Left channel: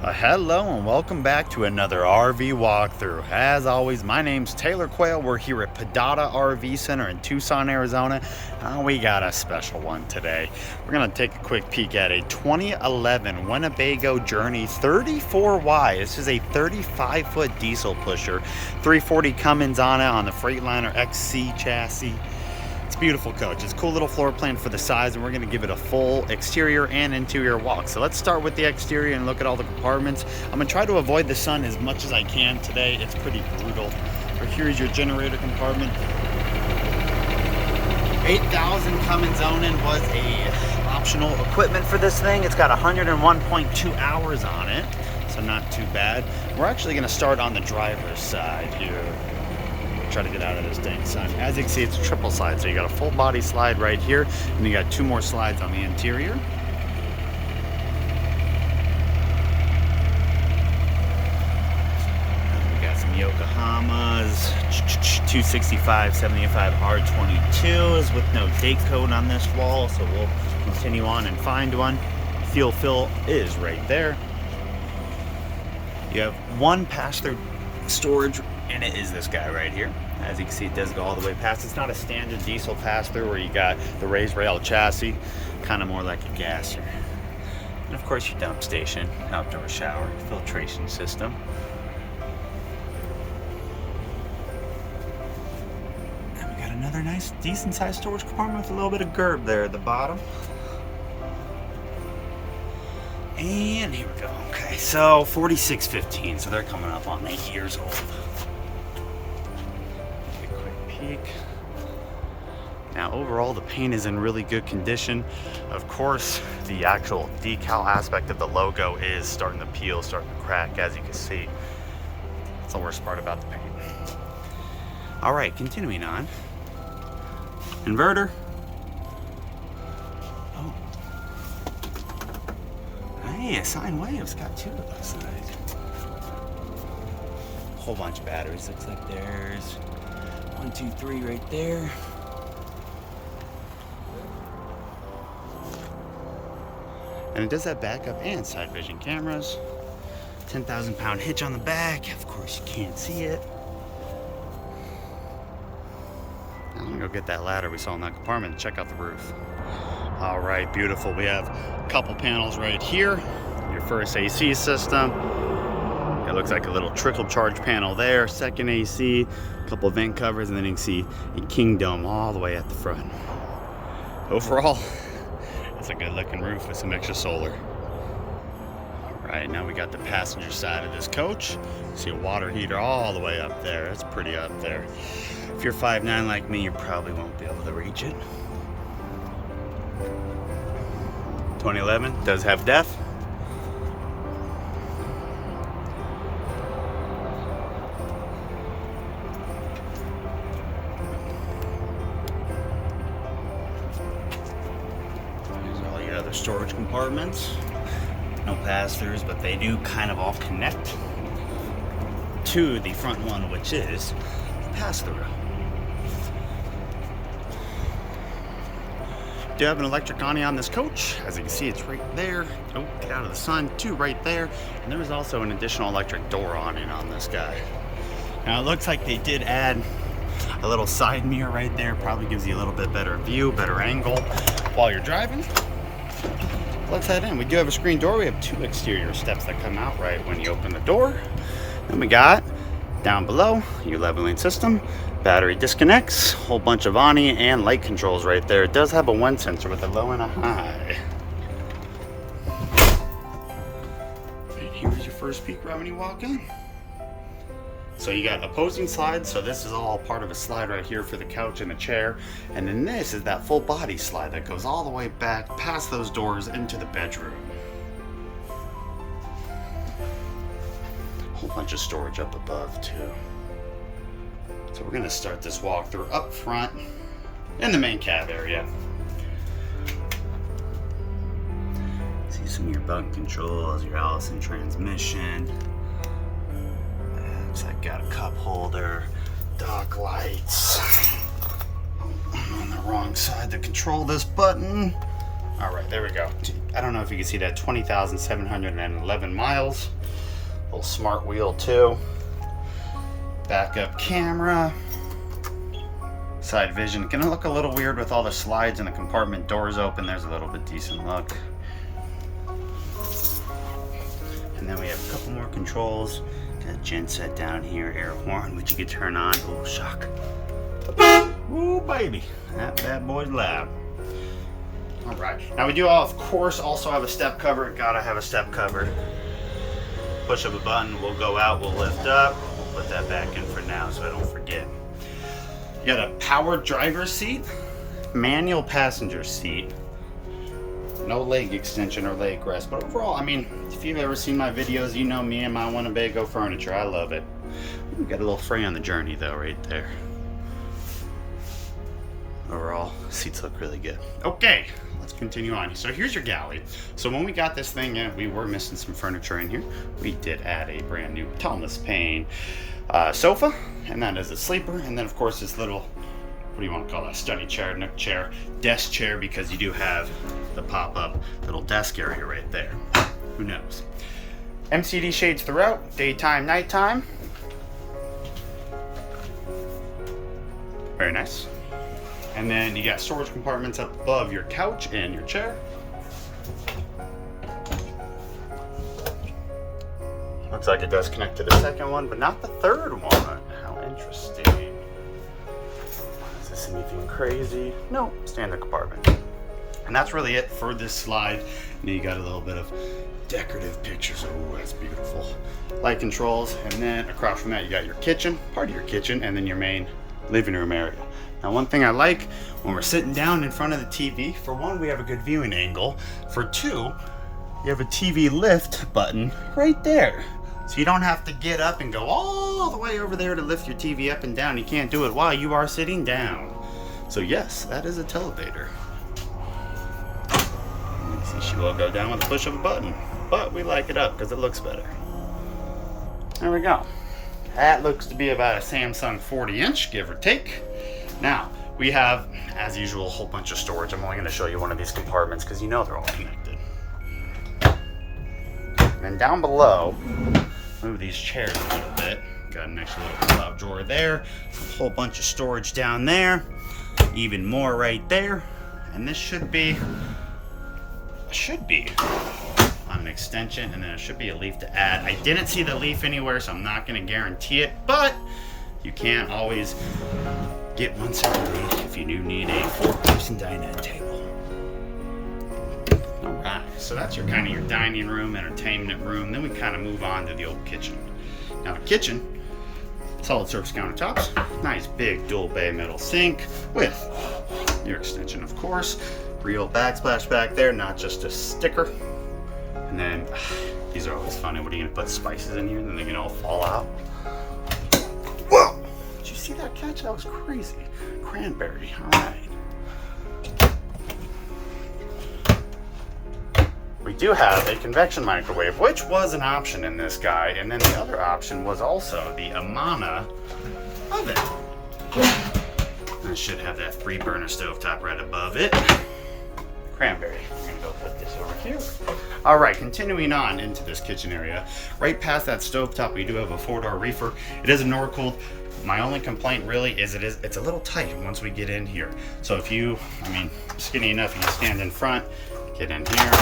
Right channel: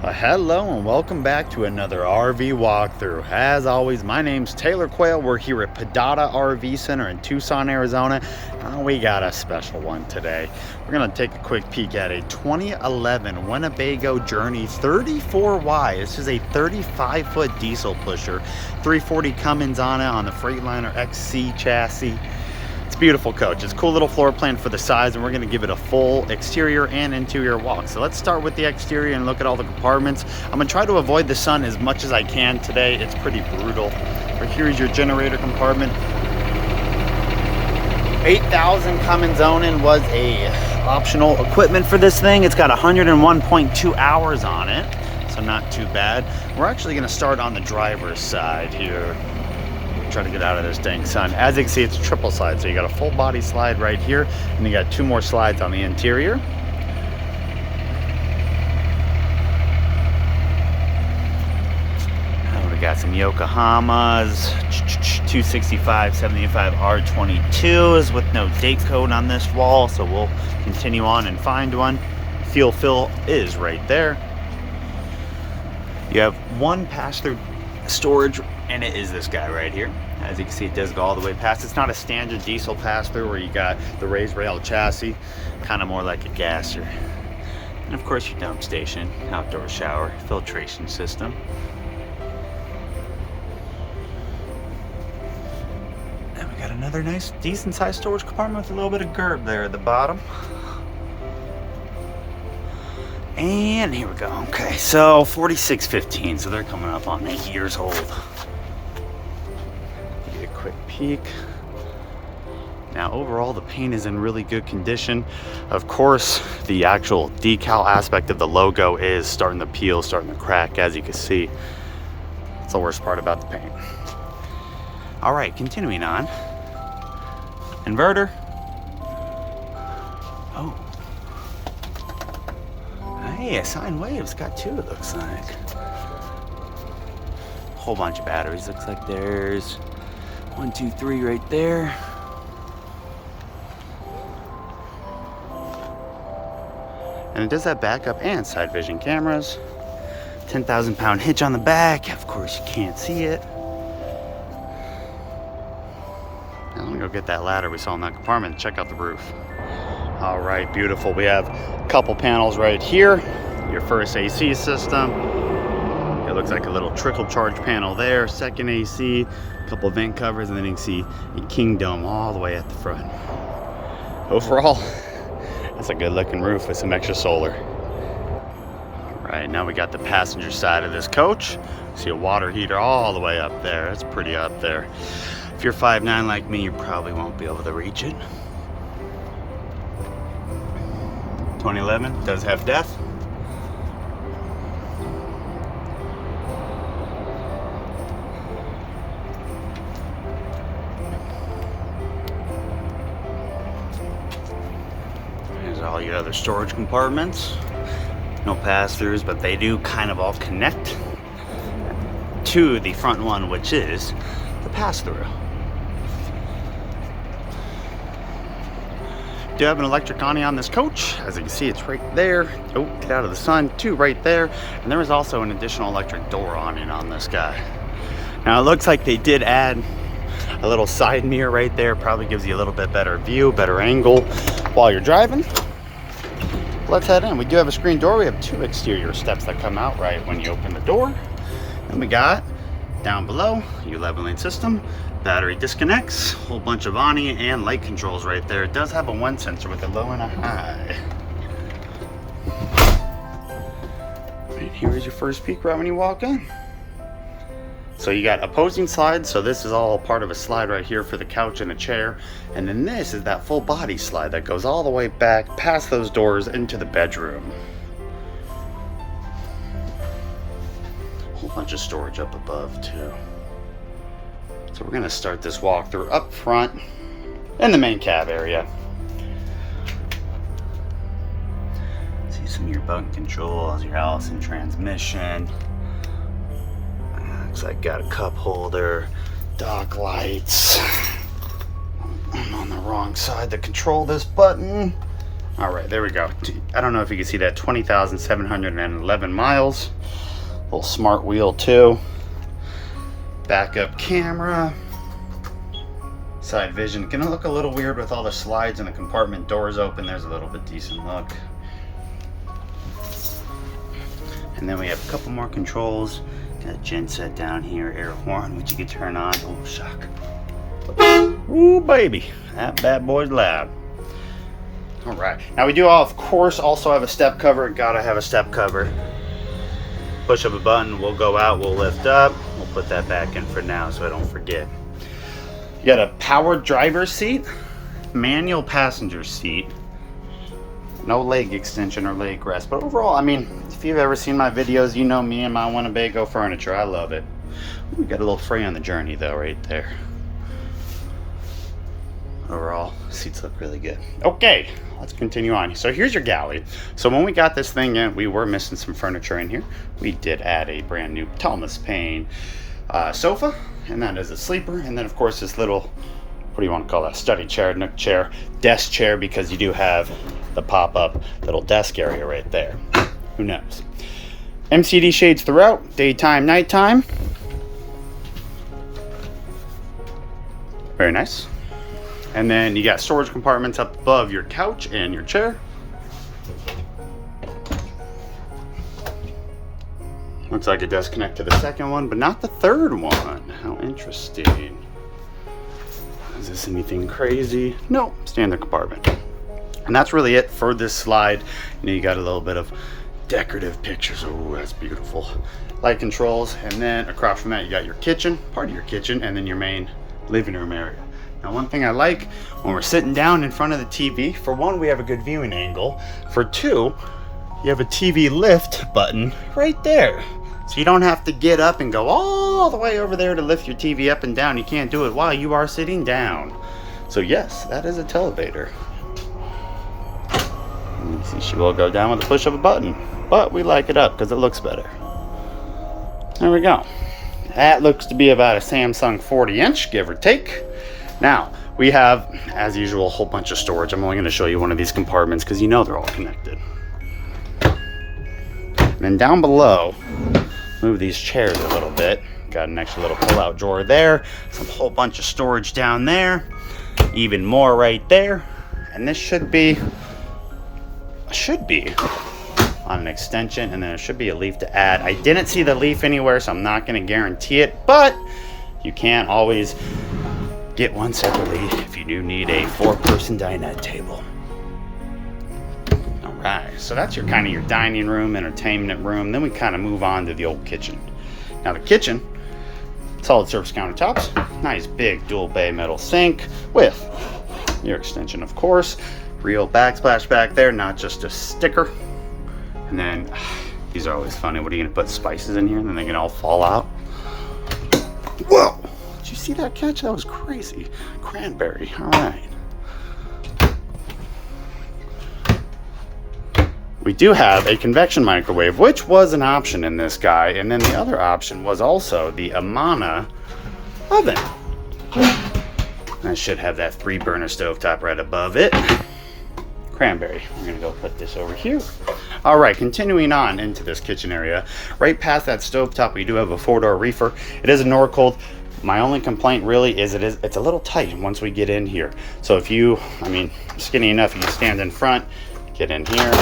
Hello and welcome back to another RV walkthrough. As always, my name's Taylor Quayle. We're here at Podata RV Center in Tucson, Arizona. We got a special one today. We're gonna take a quick peek at a 2011 Winnebago Journey 34Y. This is a 35-foot diesel pusher, 340 Cummins on it on the Freightliner XC chassis. It's a beautiful coach. It's a cool little floor plan for the size, and we're going to give it a full exterior and interior walk. So let's start with the exterior and look at all the compartments. I'm going to try to avoid the sun as much as I can today. It's pretty brutal. But here's your generator compartment. 8,000 Cummins zoning was a optional equipment for this thing. It's got 101.2 hours on it, so not too bad. We're actually going to start on the driver's side here. Try to get out of this dang sun. As you can see, it's a triple slide, so you got a full body slide right here, and you got two more slides on the interior. We got some Yokohamas, 265 75 R22s with no date code on this wall, so we'll continue on and find one. Fuel fill is right there. You have one pass-through storage, and it is this guy right here. As you can see, it does go all the way past. It's not a standard diesel pass-through where you got the raised rail chassis, kind of more like a gasser. And of course your dump station, outdoor shower, filtration system. And we got another nice, decent sized storage compartment with a little bit of gerb there at the bottom. And here we go. Okay, so 4615, so they're coming up on 8 years old. Give you a quick peek. Now, overall, the paint is in really good condition. Of course, the actual decal aspect of the logo is starting to peel, starting to crack, as you can see. That's the worst part about the paint. All right, continuing on. Inverter. Oh. Hey, a sine wave. It's got two, it looks like. Whole bunch of batteries. Looks like there's 1, 2, 3 right there. And it does have backup and side vision cameras. 10,000 pound hitch on the back. Of course, you can't see it. Now, I'm gonna go get that ladder we saw in that compartment and check out the roof. All right, beautiful. We have a couple panels right here. Your first AC system. It looks like a little trickle charge panel there. Second AC, a couple vent covers, and then you can see a Kingdom all the way at the front. Overall, that's a good looking roof with some extra solar. All right, now we got the passenger side of this coach. See a water heater all the way up there. That's pretty up there. If you're 5'9" like me, you probably won't be able to reach it. 2011 does have DEF. There's all your other storage compartments. No pass-throughs, but they do kind of all connect to the front one, which is the pass-through. Do have an electric awning on this coach. As you can see, it's right there. Oh, get out of the sun. Two right there. And there is also an additional electric door awning on this guy. Now it looks like they did add a little side mirror right there. Probably gives you a little bit better view, better angle while you're driving. Let's head in. We do have a screen door. We have two exterior steps that come out right when you open the door. Then we got down below your leveling system. Battery disconnects, whole bunch of awning and light controls right there. It does have a wind sensor with a low and a high. Right, here's your first peek right when you walk in. So you got opposing slides, so this is all part of a slide right here for the couch and a chair. And then this is that full body slide that goes all the way back past those doors into the bedroom. Whole bunch of storage up above too. So we're gonna start this walkthrough up front in the main cab area. See some of your button controls, your Allison transmission. Looks like got a cup holder, dock lights. I'm on the wrong side to control this button. All right, there we go. I don't know if you can see that, 20,711 miles. Little smart wheel too. Backup camera. Side vision. Gonna look a little weird with all the slides and the compartment doors open. There's a little bit decent look. And then we have a couple more controls. Got a gen set down here, air horn, which you can turn on. Oh, shock. Ooh, baby. That bad boy's loud. All right. Now we do, of course, also have a step cover. Gotta have a step cover. Push of a button, we'll go out, we'll lift up. We'll put that back in for now so I don't forget. You got a powered driver's seat, manual passenger seat, no leg extension or leg rest. But overall, I mean, if you've ever seen my videos, you know me and my Winnebago furniture. I love it. We got a little fray on the journey though, right there. Overall, seats look really good. Okay, let's continue on. So here's your galley. So when we got this thing in, we were missing some furniture in here. We did add a brand new Thomas Paine sofa, and that is a sleeper. And then of course this little, what do you want to call that? Study chair, nook chair, desk chair, because you do have the pop-up little desk area right there. Who knows? MCD shades throughout, daytime, nighttime. Very nice. And then you got storage compartments up above your couch and your chair. Looks like it does connect to the second one, but not the third one. How interesting. Is this anything crazy? No, standard compartment. And that's really it for this slide. You know, you got a little bit of decorative pictures. Oh, that's beautiful. Light controls, and then across from that you got your kitchen, part of your kitchen, and then your main living room area. Now, one thing I like when we're sitting down in front of the TV, for one, we have a good viewing angle. For two, you have a TV lift button right there. So you don't have to get up and go all the way over there to lift your TV up and down. You can't do it while you are sitting down. So yes, that is a televator. You see, she will go down with the push of a button, but we like it up because it looks better. There we go. That looks to be about a Samsung 40-inch, give or take. Now, we have, as usual, a whole bunch of storage. I'm only going to show you one of these compartments because you know they're all connected. And down below, move these chairs a little bit. Got an extra little pull-out drawer there. Some whole bunch of storage down there. Even more right there. And this should be on an extension, and then there should be a leaf to add. I didn't see the leaf anywhere, so I'm not going to guarantee it, but you can always get one separately if you do need a 4-person dinette table. All right, so that's your kind of your dining room, entertainment room. Then we kind of move on to the old kitchen. Now the kitchen, solid surface countertops, nice big dual bay metal sink with your extension, of course, real backsplash back there, not just a sticker. And then these are always funny. What are you gonna put spices in here and then they can all fall out? Whoa! Did you see that catch? That was crazy. Cranberry. All right. We do have a convection microwave, which was an option in this guy, and then the other option was also the Amana oven. I should have that 3-burner stovetop right above it. Cranberry. We're gonna go put this over here. All right, continuing on into this kitchen area. Right past that stovetop, we do have a 4-door reefer. It is a Norcold. My only complaint really is it's a little tight once we get in here. So if you, I mean, skinny enough, you can stand in front, get in here.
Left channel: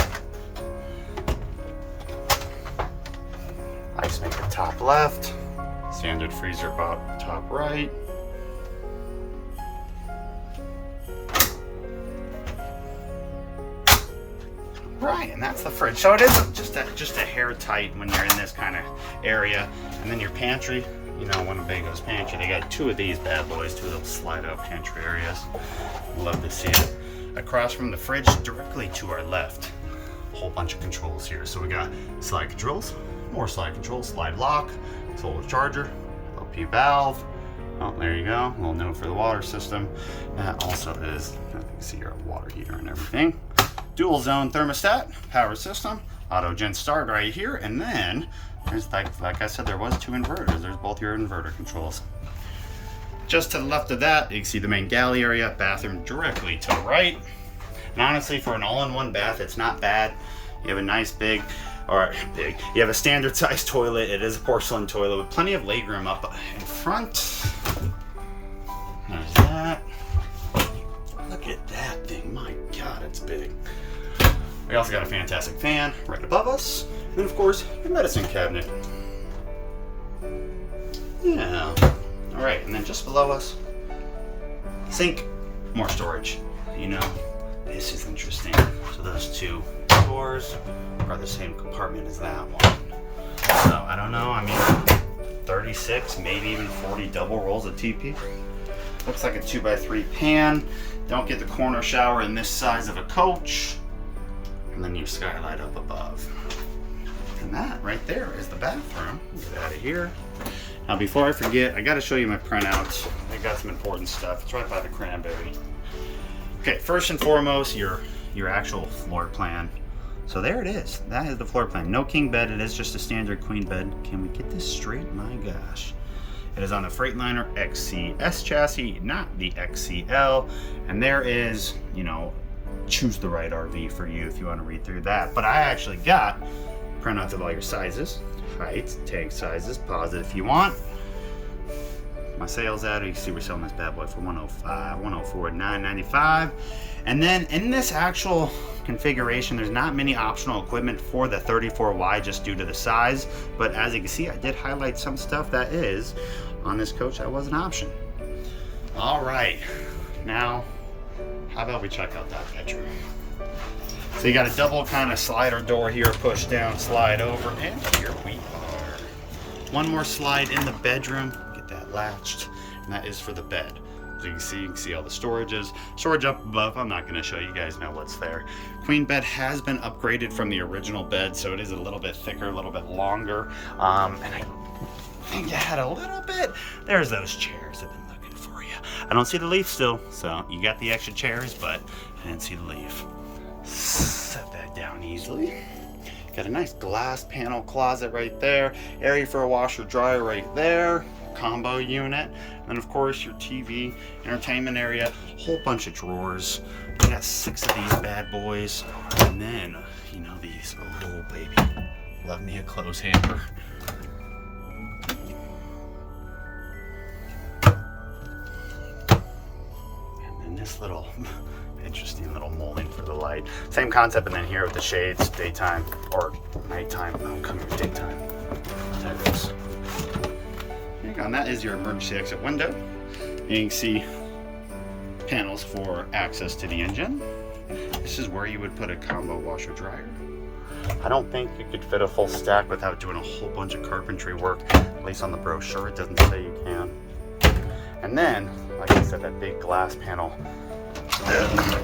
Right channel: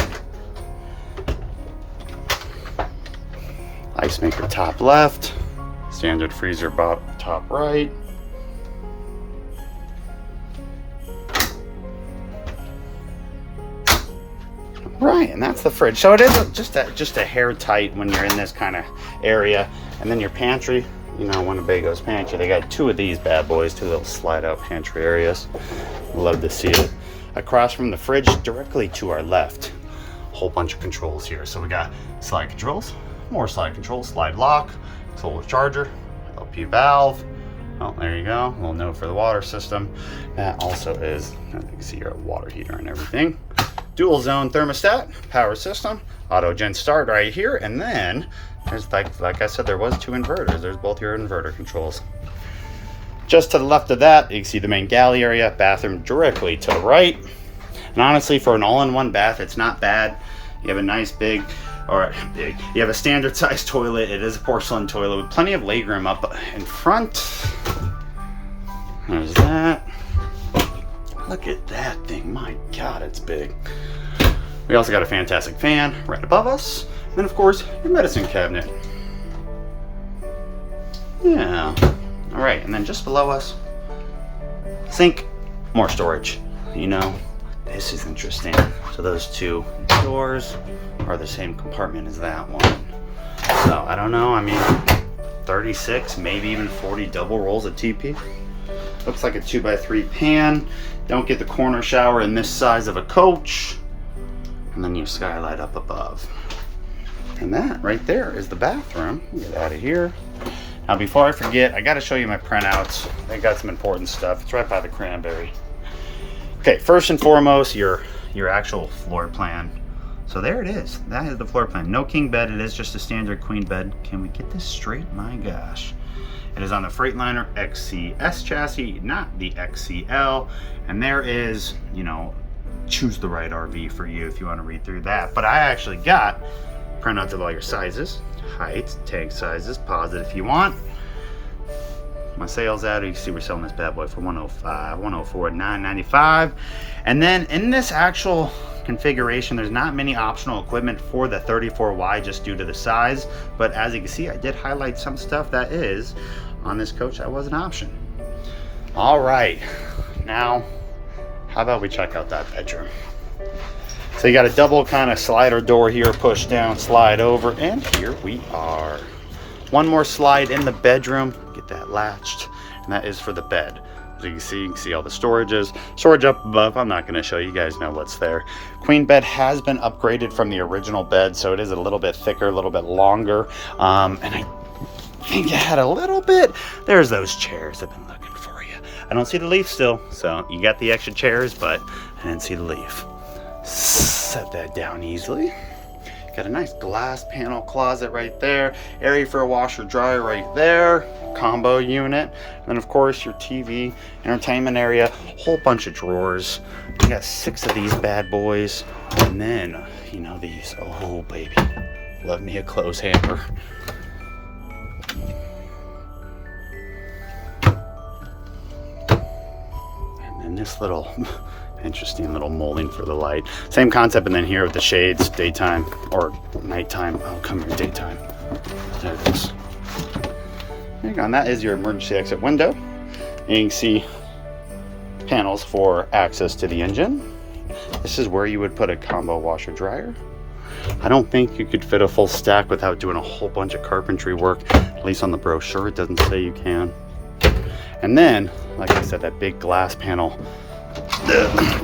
Ice maker top left, standard freezer top right. Right, and that's the fridge. So it is just a hair tight when you're in this kind of area. And then your pantry, you know, Winnebago's pantry, they got 2 of these bad boys, 2 little slide out pantry areas. Love to see it. Across from the fridge, directly to our left, a whole bunch of controls here. So we got slide controls, more slide controls, slide lock, solar charger, LP valve. Oh, there you go, a little note for the water system. That also is, you can see your water heater and everything. Dual zone thermostat, power system, auto gen start right here, and then there's like I said, there was 2 inverters. There's both your inverter controls. Just to the left of that, you can see the main galley area, bathroom directly to the right. And honestly, for an all-in-one bath, it's not bad. You have a nice you have a standard size toilet. It is a porcelain toilet with plenty of legroom up in front. There's that. Look at that thing, my God, it's big. We also got a fantastic fan right above us. And of course, your medicine cabinet. Yeah. All right, and then just below us, sink, more storage. You know, this is interesting. So those two doors are the same compartment as that one. So I don't know, I mean, 36, maybe even 40 double rolls of TP. Looks like a 2x3 pan. Don't get the corner shower in this size of a coach. And then your skylight up above. And that right there is the bathroom. Get out of here. Now before I forget, I gotta show you my printouts. I got some important stuff. It's right by the cranberry. Okay, first and foremost, your actual floor plan. So there it is. That is the floor plan. No king bed, it is just a standard queen bed. Can we get this straight? My gosh. It is on the Freightliner XCS chassis, not the XCL. And there is, you know, choose the right RV for you if you want to read through that. But I actually got printouts of all your sizes, heights, tank sizes, pause it if you want. My sales ad, you can see we're selling this bad boy for $105, $104, $995. And then in this actual configuration, there's not many optional equipment for the 34Y just due to the size. But as you can see, I did highlight some stuff that is on this coach that was an option. All right, now how about we check out that bedroom? So you got a double kind of slider door here, push down, slide over, and here we are. One more slide in the bedroom, get that latched, and that is for the bed. As you can see all the storages. Storage up above, I'm not going to show you, guys know what's there. Queen bed has been upgraded from the original bed, so it is a little bit thicker, a little bit longer. And I think it had a little bit, there's those chairs I've been looking for you. I don't see the leaf still, so you got the extra chairs, but I didn't see the leaf. Set that down easily. Got a nice glass panel closet right there. Area for a washer dryer right there. Combo unit. And then of course your TV, entertainment area, whole bunch of drawers. We got 6 of these bad boys. And then, you know these, oh baby, love me a clothes hamper. And then this little interesting little molding for the light. Same concept, and then here with the shades, daytime or nighttime. Oh, come here, daytime. There it is. And that is your emergency exit window. And you can see panels for access to the engine. This is where you would put a combo washer dryer. I don't think you could fit a full stack without doing a whole bunch of carpentry work. At least on the brochure, it doesn't say you can. And then, like I said, that big glass panel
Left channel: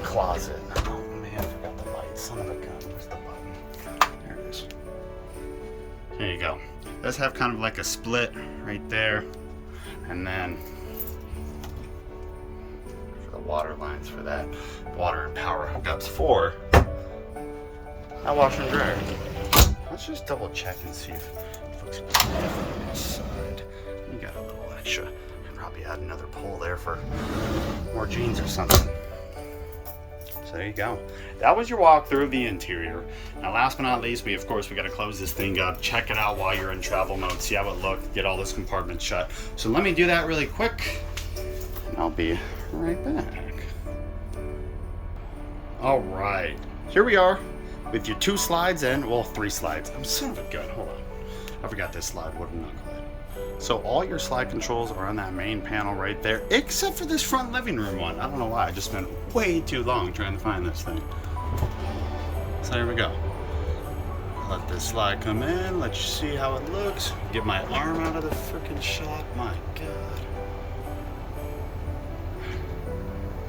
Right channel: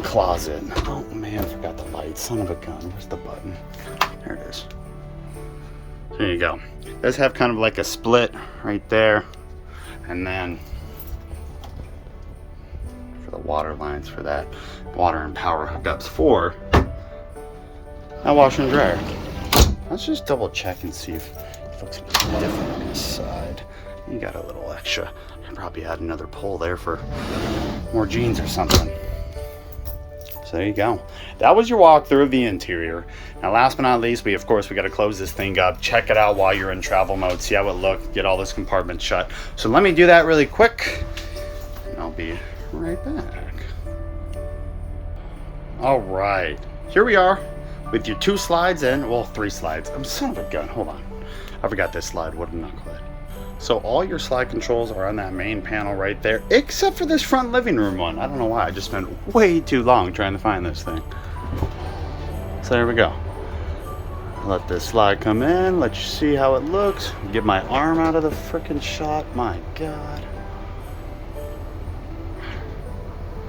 closet. Oh man, I forgot the light. Son of a gun. Where's the button? There it is. There you go. It does have kind of like a split right there. And then for the water lines for that water and power hookups for that washer and dryer. Let's just double check and see if it looks a bit different on this side. We got a little extra. Probably add another pole there for more jeans or something. So there you go. That was your walkthrough of the interior. Now last but not least, we got to close this thing up, check it out while you're in travel mode, see how it looks, get all this compartment shut. So let me do that really quick and I'll be right back. All right, here we are with your 2 slides in, well 3 slides. I'm son of a gun, hold on. I forgot this slide, what a knucklehead. So all your slide controls are on that main panel right there, except for this front living room one. I don't know why, I just spent way too long trying to find this thing. So there we go. Let this slide come in, let you see how it looks. Get my arm out of the frickin' shot, my God.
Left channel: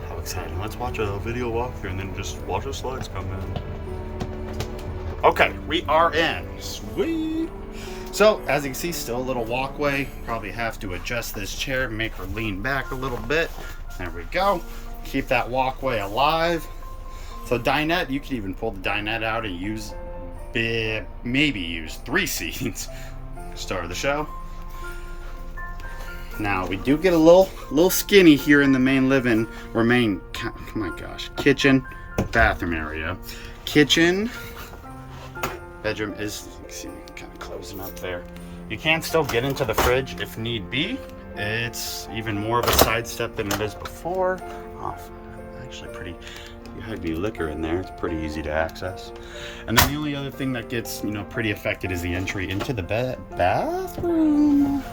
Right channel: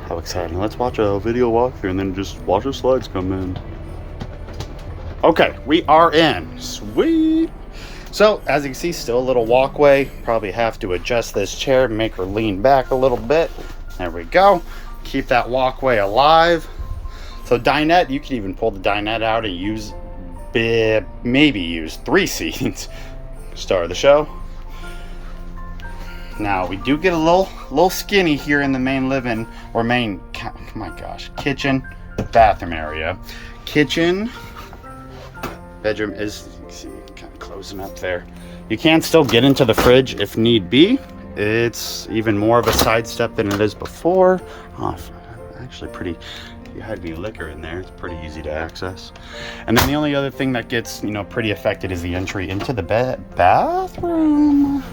How exciting. Let's watch a video walkthrough and then just watch the slides come in. Okay, we are in, sweet. So, as you can see, still a little walkway. Probably have to adjust this chair, make her lean back a little bit. There we go. Keep that walkway alive. So dinette, you can even pull the dinette out and use, maybe use 3 seats. Star of the show. Now, we do get a little skinny here in the main living, or main, oh my gosh, kitchen. bathroom area. Kitchen, bedroom is, you can see, kind of closing up there. You can still get into the fridge if need be. It's even more of a sidestep than it is before. Oh, actually pretty, you had any liquor in there, it's pretty easy to access. And then the only other thing that gets, you know, pretty affected is the entry into the bathroom.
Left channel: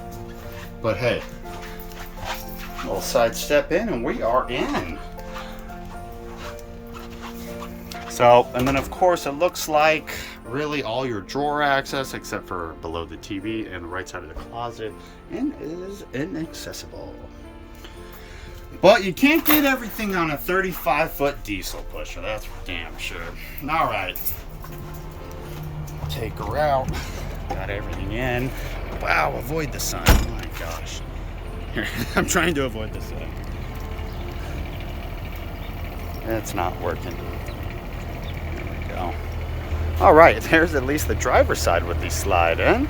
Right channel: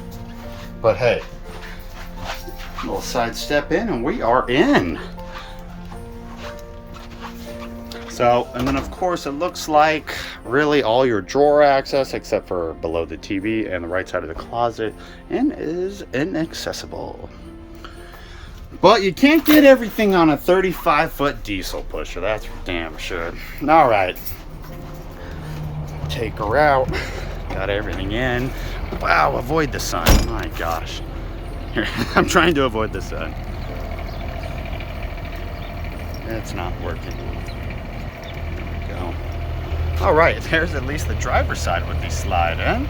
But hey, a little sidestep in and we are in. So, and then of course it looks like really all your drawer access except for below the TV and the right side of the closet and is inaccessible. But you can't get everything on a 35-foot diesel pusher, that's for damn sure. All right, take her out, got everything in. Wow, avoid the sun, my gosh. Here, I'm trying to avoid the sun. It's not working. All right, there's at least the driver's side with the slide in.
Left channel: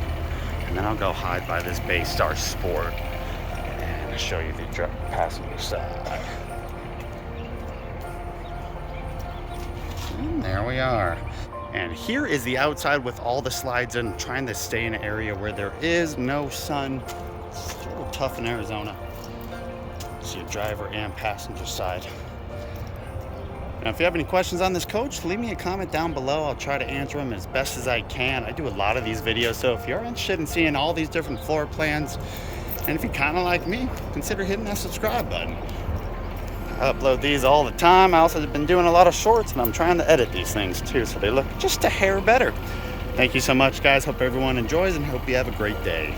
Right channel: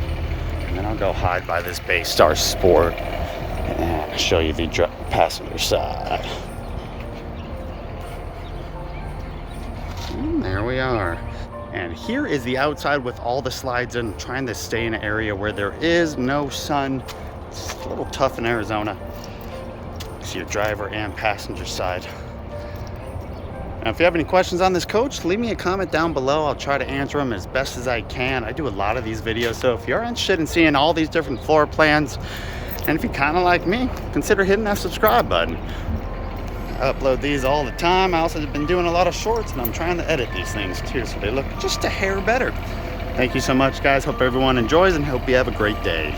And then I'll go hide by this Baystar Sport and show you the passenger side. And there we are. And here is the outside with all the slides in, trying to stay in an area where there is no sun. It's a little tough in Arizona. See your driver and passenger side. Now, if you have any questions on this coach, leave me a comment down below. I'll try to answer them as best as I can. I do a lot of these videos, so if you're interested in seeing all these different floor plans, and if you're kind of like me, consider hitting that subscribe button. I upload these all the time. I also have been doing a lot of shorts, and I'm trying to edit these things too, so they look just a hair better. Thank you so much, guys. Hope everyone enjoys, and hope you have a great day.